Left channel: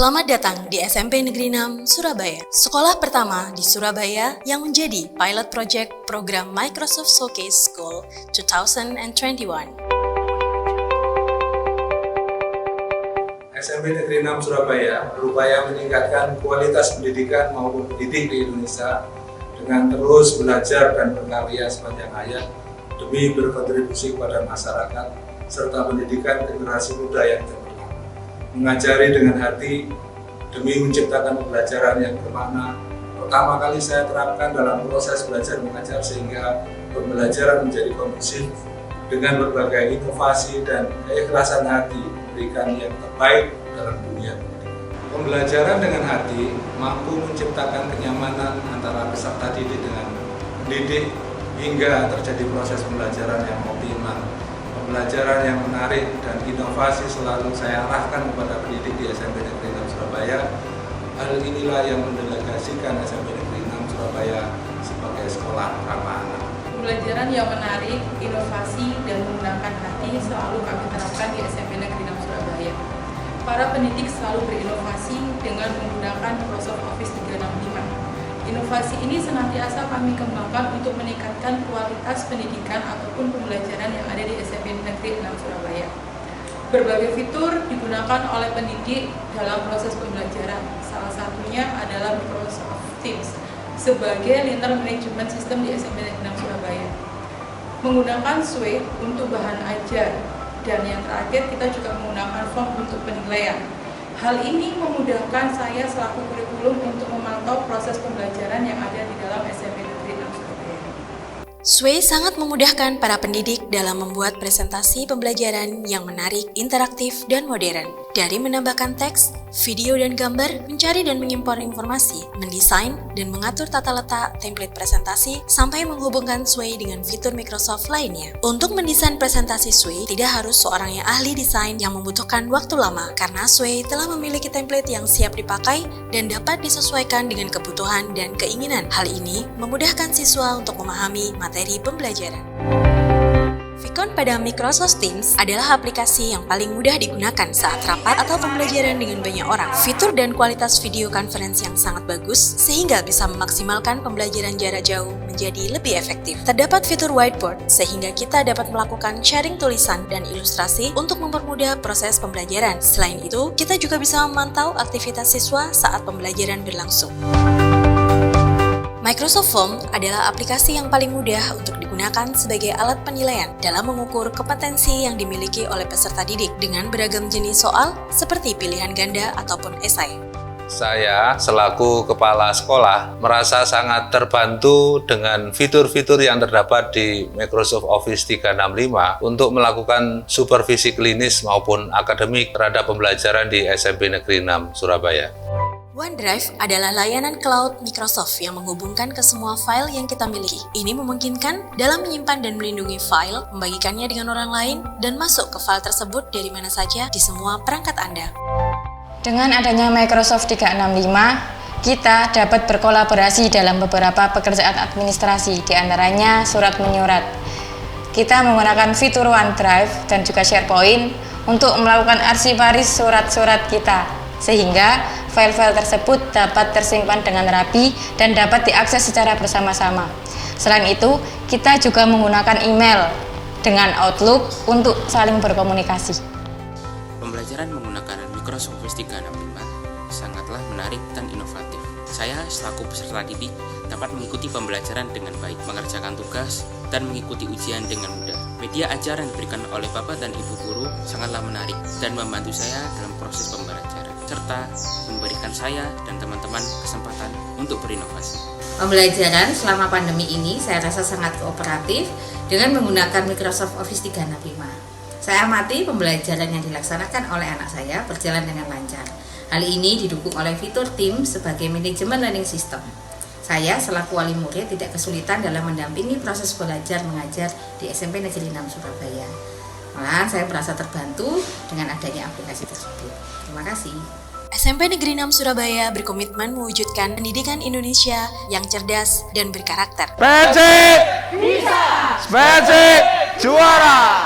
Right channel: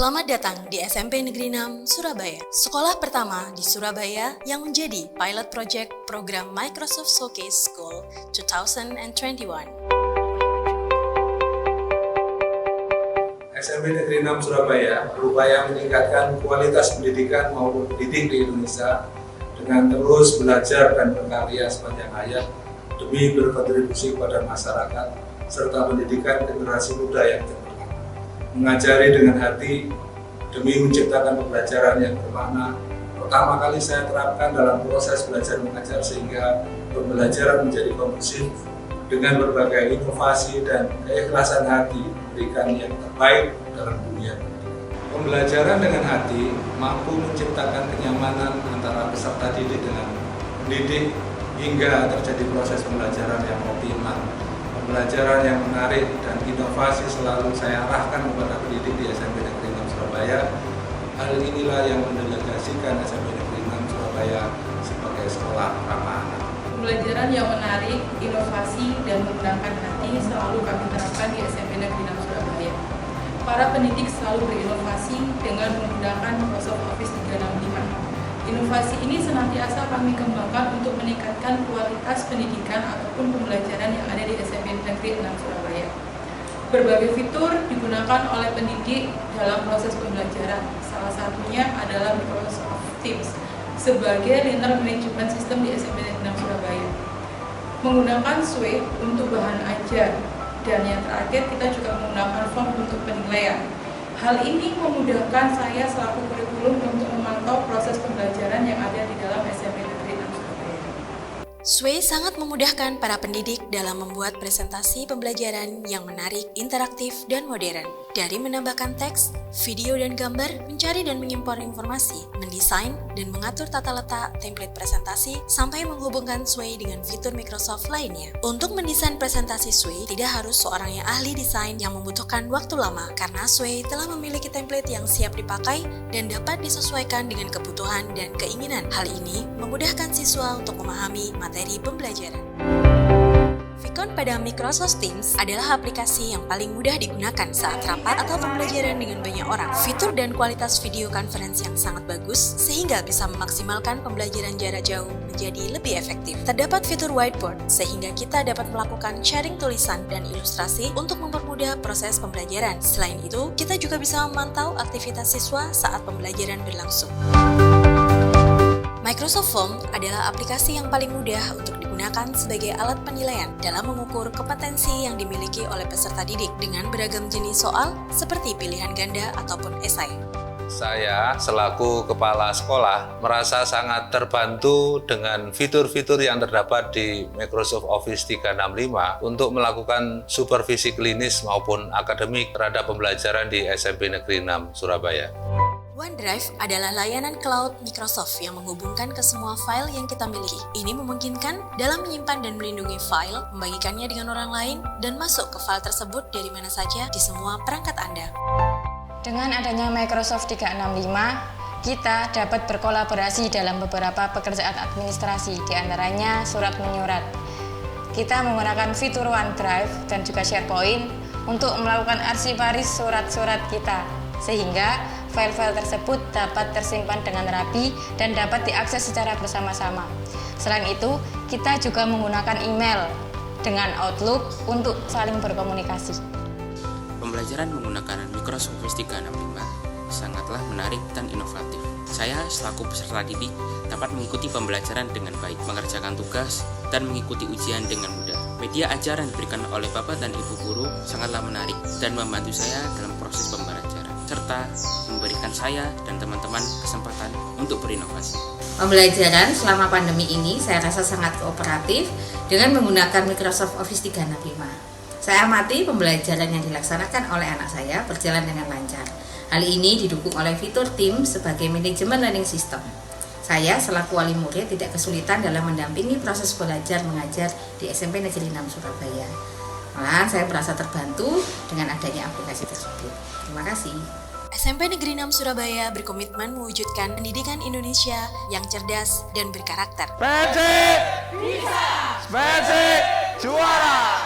Selamat datang di SMP Negeri 6 Surabaya, sekolah pertama di Surabaya yang menjadi pilot project program Microsoft Showcase School 2021. SMP Negeri 6 Surabaya berupaya meningkatkan kualitas pendidikan maupun pendidik di Indonesia dengan terus belajar dan berkarya sepanjang hayat demi berkontribusi kepada masyarakat serta pendidikan generasi muda yang cemerlang. Mengajari dengan hati demi menciptakan pembelajaran yang bermakna. Pertama kali saya terapkan dalam proses belajar mengajar sehingga pembelajaran menjadi kondusif dengan berbagai inovasi dan keikhlasan hati memberikan yang terbaik dalam dunia pendidikan. Pembelajaran dengan hati mampu menciptakan kenyamanan antara peserta didik dengan pendidik hingga terjadi proses pembelajaran yang optimal. Pembelajaran yang menarik dan inovasi selalu saya arahkan kepada pendidik di SMP Negeri 6 Surabaya. Hal inilah yang mendelegasikan SMP Negeri 6 Surabaya sebagai sekolah ramah anak. Pembelajaran yang menarik, inovasi, dan menggunakan hati selalu kami terapkan di SMP Negeri 6 Surabaya. Para pendidik selalu berinovasi dengan menggunakan Microsoft Office 365. Inovasi ini senantiasa kami kembangkan untuk meningkatkan kualitas pendidikan ataupun pembelajaran yang ada di SMP Negeri 6 Surabaya. Berbagai fitur digunakan oleh pendidik dalam proses pembelajaran. Salah satunya adalah Microsoft Teams sebagai lintas manajemen sistem di SMP Negeri 6 Surabaya. Menggunakan SWE untuk bahan ajar, dan yang terakhir kita juga menggunakan form untuk penilaian. Hal ini memudahkan saya selaku kurikulum untuk memantau proses pembelajaran yang ada di dalam SMP Negeri 6 Surabaya. SWE sangat memudahkan para pendidik dalam membuat presentasi pembelajaran yang menarik, interaktif, dan modern. Dari menambahkan teks, video, dan gambar, mencari dan mengimpor informasi, mendesain, dan mengatur tata letak template presentasi, sampai menghubungkan SWE dengan fitur Microsoft lainnya. Untuk mendesain presentasi SWE, tidak harus seorang yang ahli desain yang membutuhkan waktu lama, karena SWE telah memiliki template yang siap dipakai dan dapat disesuaikan dengan kebutuhan dan keinginan. Hal ini memudahkan siswa untuk memahami materi pembelajaran. Vicon pada Microsoft Teams adalah aplikasi yang paling mudah digunakan saat rapat atau pembelajaran dengan banyak orang. Fitur dan kualitas video conference yang sangat bagus sehingga bisa memaksimalkan pembelajaran jarak jauh menjadi lebih efektif. Terdapat fitur whiteboard sehingga kita dapat melakukan sharing tulisan dan ilustrasi untuk mempermudah proses pembelajaran. Selain itu, kita juga bisa memantau aktivitas siswa saat pembelajaran berlangsung. Microsoft Form adalah aplikasi yang paling mudah untuk digunakan sebagai alat penilaian dalam mengukur kompetensi yang dimiliki oleh peserta didik dengan beragam jenis soal seperti pilihan ganda ataupun esai. Saya selaku kepala sekolah merasa sangat terbantu dengan fitur-fitur yang terdapat di Microsoft Office 365 untuk melakukan supervisi klinis maupun akademik terhadap pembelajaran di SMP Negeri 6 Surabaya. OneDrive adalah layanan cloud Microsoft yang menghubungkan ke semua file yang kita miliki. Ini memungkinkan dalam menyimpan dan melindungi file, membagikannya dengan orang lain, dan masuk ke file tersebut dari mana saja di semua perangkat Anda. Dengan adanya Microsoft 365, kita dapat berkolaborasi dalam beberapa pekerjaan administrasi, diantaranya surat menyurat. Kita menggunakan fitur OneDrive dan juga SharePoint untuk melakukan arsiparis surat-surat kita, sehingga file-file tersebut dapat tersimpan dengan rapi dan dapat diakses secara bersama-sama. Selain itu, kita juga menggunakan email dengan Outlook untuk saling berkomunikasi. Pembelajaran menggunakan Microsoft Office 365 sangatlah menarik dan inovatif. Saya selaku peserta didik dapat mengikuti pembelajaran dengan baik, mengerjakan tugas, dan mengikuti ujian dengan mudah. Media ajaran diberikan oleh Bapak dan Ibu guru sangatlah menarik dan membantu saya dalam proses pembelajaran, serta memberikan saya dan teman-teman kesempatan untuk berinovasi. Pembelajaran selama pandemi ini saya rasa sangat kooperatif dengan menggunakan Microsoft Office 365. Saya amati pembelajaran yang dilaksanakan oleh anak saya berjalan dengan lancar. Hal ini didukung oleh fitur Teams sebagai manajemen learning system. Saya selaku wali murid tidak kesulitan dalam mendampingi proses belajar mengajar di SMP Negeri 6 Surabaya. Malahan saya merasa terbantu dengan adanya aplikasi tersebut. Terima kasih. SMP Negeri 6 Surabaya berkomitmen mewujudkan pendidikan Indonesia yang cerdas dan berkarakter. Persib bisa, Persib juara.